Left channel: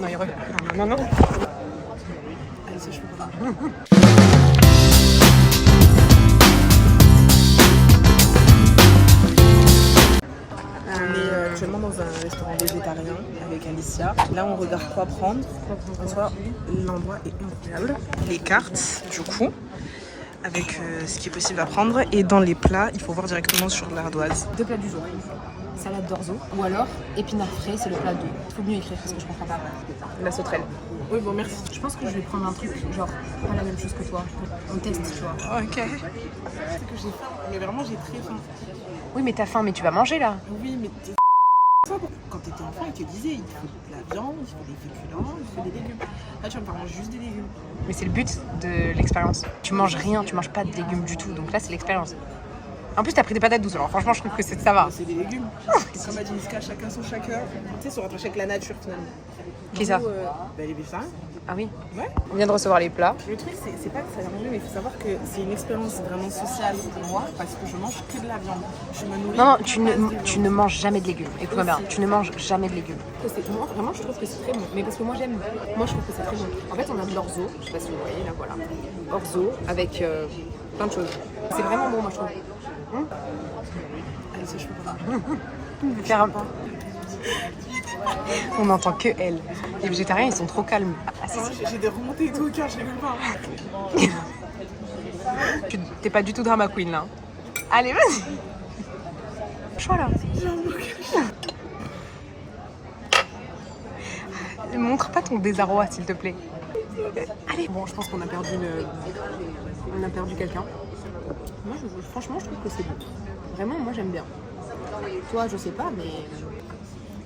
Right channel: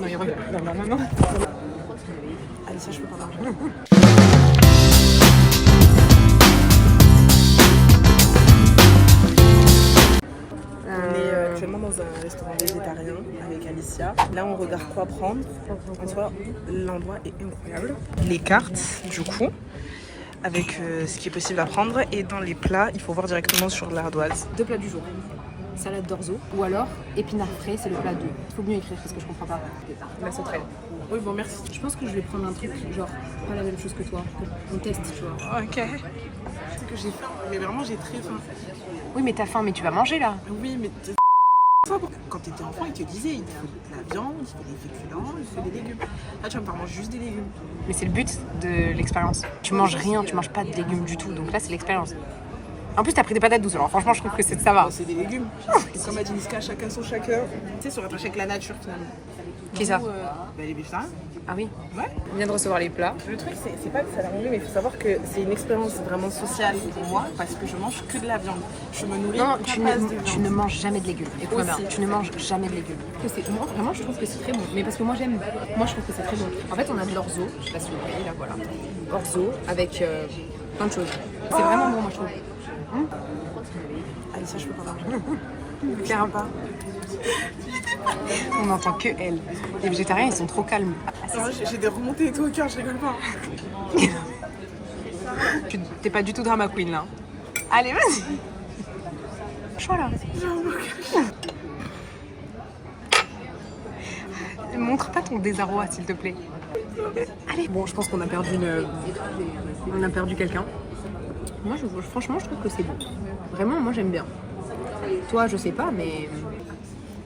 Non, il revient. Non. Allez, ça, je peux pas. On est actuellement dans un restaurant végétarien avec Alicia. Là, on regarde quoi prendre. En soi, l'endroit est incroyable. Les cartes, du coup, avec ce qui est possible à prendre. Et dans les plats, il faut voir directement sur l'ardoise. 2 plats du jour. Salade d'orzo ou alors épinards frais, c'est le plat 2. Il faut mieux écrire parce que je comprends pas. La sauterelle. Oui, bon, merci. Je pense que je vais prendre un truc genre pas la même chose que toi. On teste, tu vois. Ok. C'est que j'ai faim, mais vraiment j'ai très faim. Oui, mais t'as faim, mais tu vas manger là. Oui, mais quand t'étais enfant, ils te disaient il faut de la viande, il faut des féculents, il faut des légumes. Là, tu vas me faire manger juste des légumes. Mais c'est le but de l'expérience. Tu manges rien, tu manges pas de légumes du tout. Donc là, c'est l'expérience. En plus, t'as pris des patates douces, alors franchement, je trouve que ça va. C'est des légumes. Comme a dit Niska, chacun son chacun. Tu sais, se rattacher avec la nature finalement. Qui ça Les végétariens. Ah oui. Ouais. On vient de recevoir les plats. Le truc, c'est pas que ça a l'air mauvais, mais il faut savoir que c'est une expérience vraiment sociale pour moi parce que je mange que de la viande. Je me nourris. Non, tu ne manges jamais de légumes. Écoute-moi bien, tu ne manges jamais de légumes. Moi, vraiment, je trouve que c'est très bon. Mais parce que moi, j'aime. Moi, je trouve que c'est très bon. En fait, on a de l'orzo. Je sais pas si vous voyez, là, voilà. Orzo avec plein de choses. C'est vraiment bon, moi, je trouve. Allez, ça, je peux pas manger. Faire un pas. On n'entend que elle. Les végétariens, ils sont trop calmes. J'ai des remontées et tout au cœur, je rigole pas. T'es pas du tout drama queen là. Allez, vas-y. Voilà. Montre pas ton désarroi, s'il te plaît. Allez. Bon, je pense qu'on a perdu on a perdu quelqu'un. Moi, franchement, je trouve que c'est bon. Vraiment, moi, j'aime bien. Toi, je sais pas, mais...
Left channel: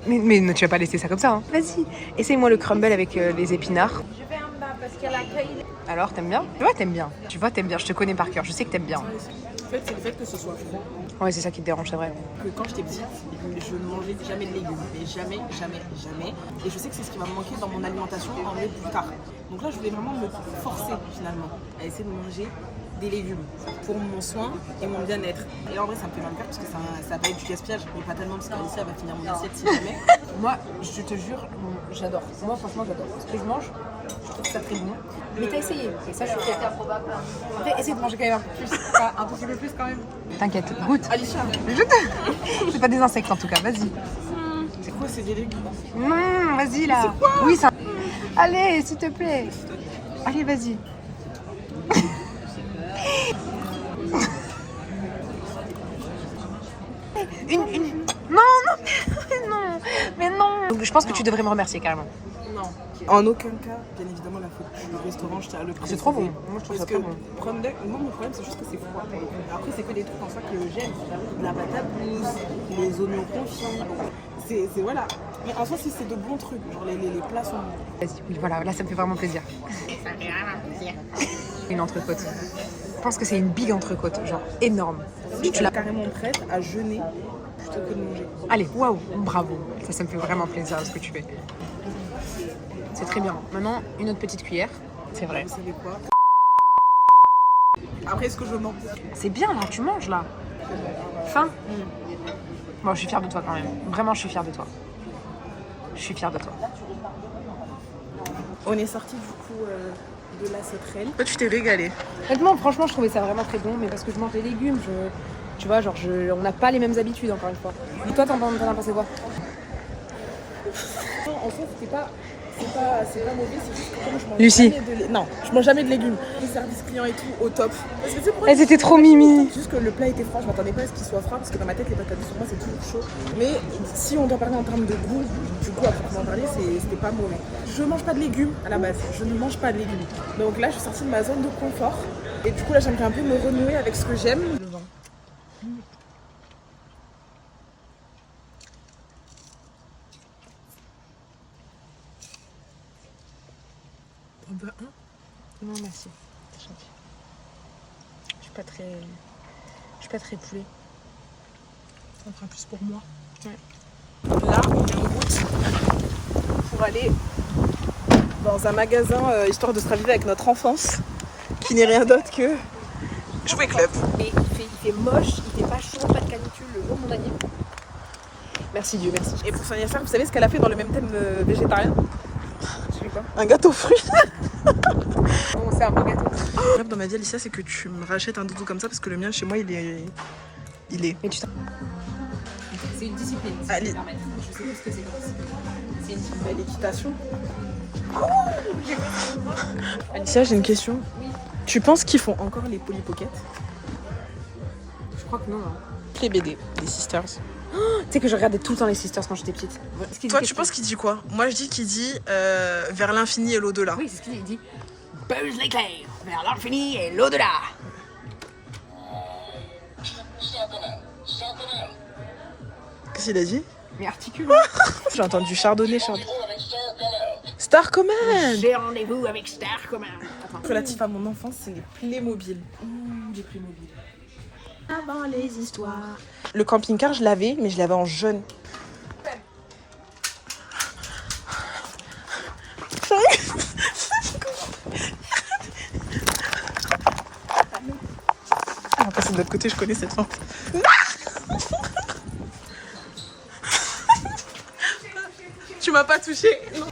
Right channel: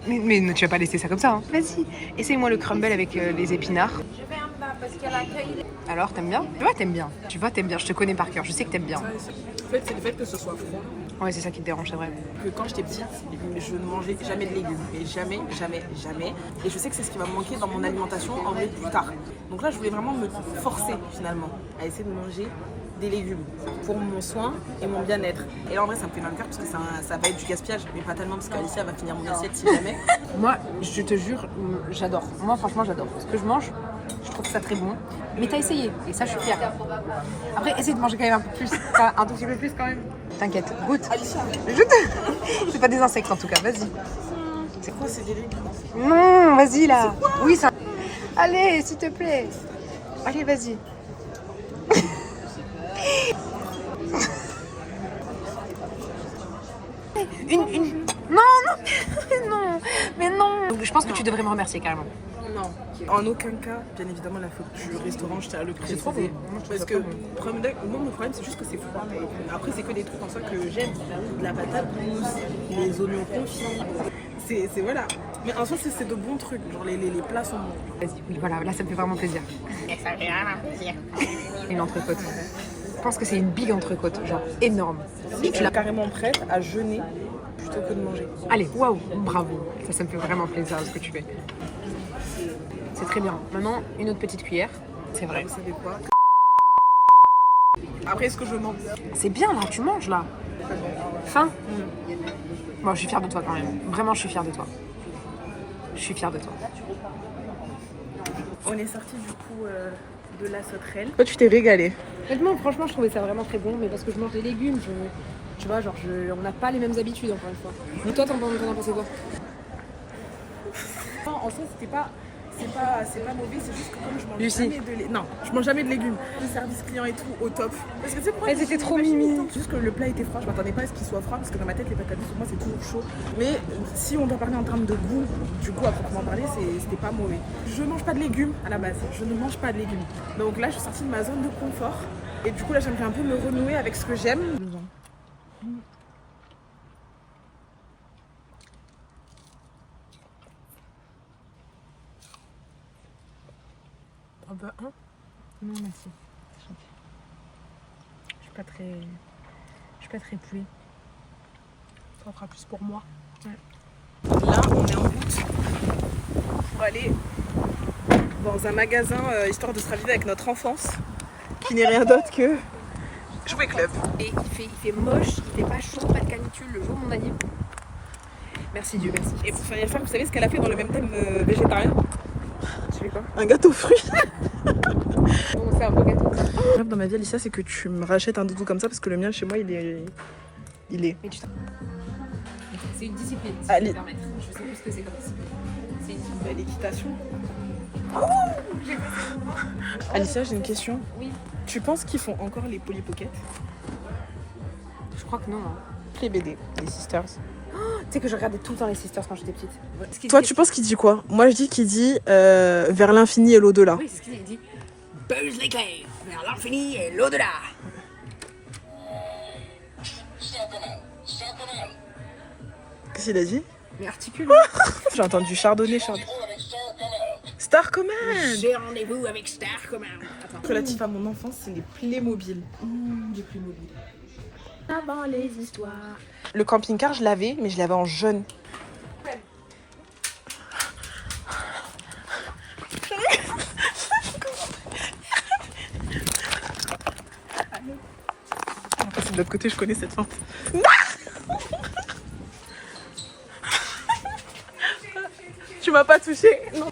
Mais tu vas pas laisser ça comme ça, hein. Vas-y, essaye-moi le crumble avec les épinards. Alors, t'aimes bien? Tu vois, t'aimes bien. Je te connais par cœur, je sais que t'aimes bien. En fait, c'est le fait que ce soit froid. Ouais, c'est ça qui te dérange, c'est vrai. Que quand j'étais petite, je ne mangeais jamais de légumes. Mais jamais. Et je sais que c'est ce qui va me manquer dans mon alimentation en vrai plus tard. Donc là, je voulais vraiment me forcer finalement à essayer de manger des légumes pour mon soin et mon bien-être. Et là, en vrai, ça me fait mal cœur parce que ça va être du gaspillage. Mais pas tellement parce qu'Alicia va finir mon assiette si jamais. Moi, je te jure, j'adore. Moi, franchement, j'adore. Ce que je mange, je trouve ça très bon. Mais t'as essayé, et ça, je suis fière. Après, essaye de manger quand même un peu plus. Un tout petit peu plus quand même. T'inquiète, goûte. Alicia, C'est pas des insectes en tout cas, vas-y. c'est quoi, c'est des légumes? Non, vas-y là. C'est quoi? Oui, ça. Allez, s'il te plaît. Allez, vas-y. Une... Non, mais non. Donc, je pense que tu devrais me remercier carrément. Non, en aucun cas, bien évidemment, la faute du restaurant, je tiens à le préciser. C'est trop bon. Parce que moi, mon problème, c'est juste que c'est froid pour le coup. Après, c'est que des trucs comme ça que j'aime. De la patate douce, les oignons confits. C'est voilà. Mais en soi, c'est de bons trucs. Genre, les plats sont bons. Vas-y, oui, voilà, là, ça me fait vraiment plaisir. Ça fait vraiment plaisir. Une entrecôte. Je pense que c'est une big entrecôte, genre énorme. Je suis carrément prête à jeûner plutôt que de manger. Allez, waouh, bravo. Ça me fait vraiment plaisir ce que tu fais. C'est très bien. Maintenant, une autre petite cuillère. C'est vrai. Vous savez quoi? Après, est-ce que je mens? C'est bien là, tu manges là. Faim? Bon, je suis fière de toi quand même. Vraiment, je suis fière de toi. Je suis fière de toi. On est sorti du coup de la sauterelle. Toi, tu t'es régalée. Honnêtement, franchement, je trouvais ça vraiment très bon, mais parce que je mange des légumes, tu vois, genre, on n'a pas les mêmes habitudes encore une fois. Toi, t'en as pensé quoi? Non, en fait, c'est pas mauvais, c'est juste que comme je mange Lucie. jamais non, je mange jamais de légumes. Le service client et tout au top. Parce que tu sais pourquoi Elles étaient trop mimi. Juste que le plat était froid, je m'attendais pas à ce qu'il soit froid parce que dans ma tête les patates pour moi c'est toujours chaud. Mais si on doit parler en termes de goût, du goût à proprement parler, c'était pas mauvais. Je mange pas de légumes à la base, je ne mange pas de légumes. Donc là je suis sortie de ma zone de confort et du coup là j'aimerais un peu me renouer avec ce que j'aime. Non, merci. Je suis pas très poulet. Ça fera plus pour moi. Ouais. Là, on est en route pour aller dans un magasin histoire de se raviver avec notre enfance, qui n'est rien d'autre que Jouet Club. Et il fait moche, il fait pas chaud, pas de canicule le jour de mon anniversaire. Merci Dieu, merci. Et pour son anniversaire, vous savez ce qu'elle a fait dans le même thème végétarien? voulais quoi? Un gâteau fruit. Bon, c'est un beau gâteau. Le rêve dans ma vie, Alicia, c'est que tu me rachètes un doudou comme ça parce que le mien chez moi, il est. Mais tu c'est une discipline, si Allez. je peux me permettre. Je sais plus ce que c'est comme discipline. C'est une discipline. Belle équitation. Alicia, j'ai une question. Oui. Tu penses qu'ils font encore les Polly Pocket? Je crois que non. Hein. Les BD, les Sisters. Tu sais que je regardais tout le temps les Sisters quand j'étais petite. Toi, tu penses qu'il dit quoi? Moi, je dis qu'il dit vers l'infini et l'au-delà. Oui, c'est ce qu'il dit. Buzz l'éclair, vers l'infini et l'au-delà. Qu'est-ce qu'il a dit? Mais articule. J'ai entendu chardonnay. Star Command. J'ai rendez-vous avec Star Command. Attends. Relatif à mon enfance, c'est les Playmobil. J'ai plus mobile. Avant les histoires. Le camping-car, je l'avais, mais je l'avais en jaune. On va passer de l'autre côté, je connais cette fin. Tu m'as pas touché? Non.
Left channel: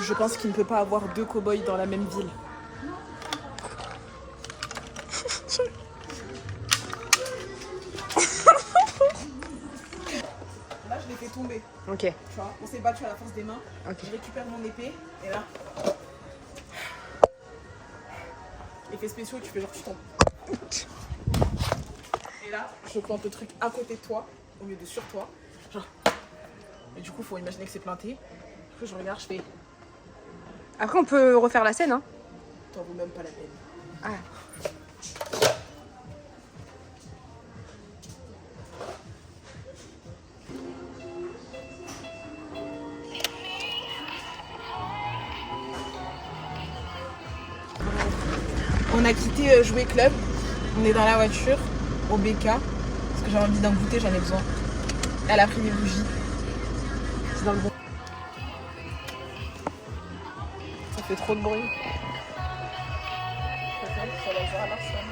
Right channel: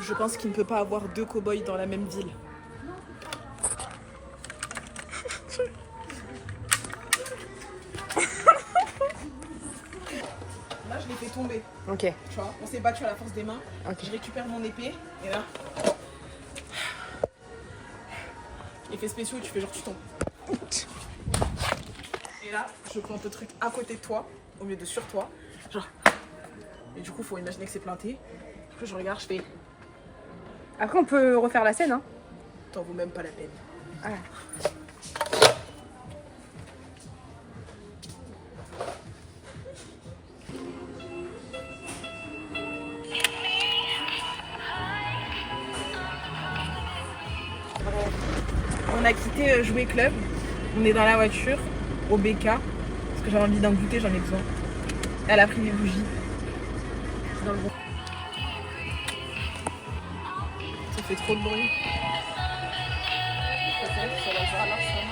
Je pense qu'il ne peut pas avoir deux cow-boys dans la même ville. Là, je l'ai fait tomber. Ok. Tu vois, on s'est battu à la force des mains. Ok. Je récupère mon épée et là. Effet spéciaux, tu fais genre tu tombes. Et là, je plante le truc à côté de toi, au lieu de sur toi. Genre. Et du coup, faut imaginer que c'est planté. Du coup, je regarde, je fais. Après, on peut refaire la scène, hein. T'en vaut même pas la peine. Ah. On a quitté Jouet Club. On est dans la voiture, au BK. Parce que j'ai envie d'un goûter, j'en ai besoin. Elle a pris des bougies. C'est dans le bon. Ça fait trop de bruit. Ça fait sur la Zara Larsson.